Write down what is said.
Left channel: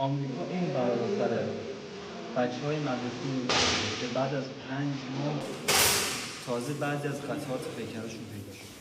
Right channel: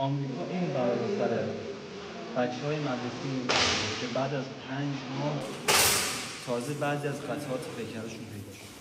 آمریکا این برای بچه‌های مدرسه می‌بینه که بعد از 5 ماه تازه بعضی از قطعات پیکرشون پیدا شد.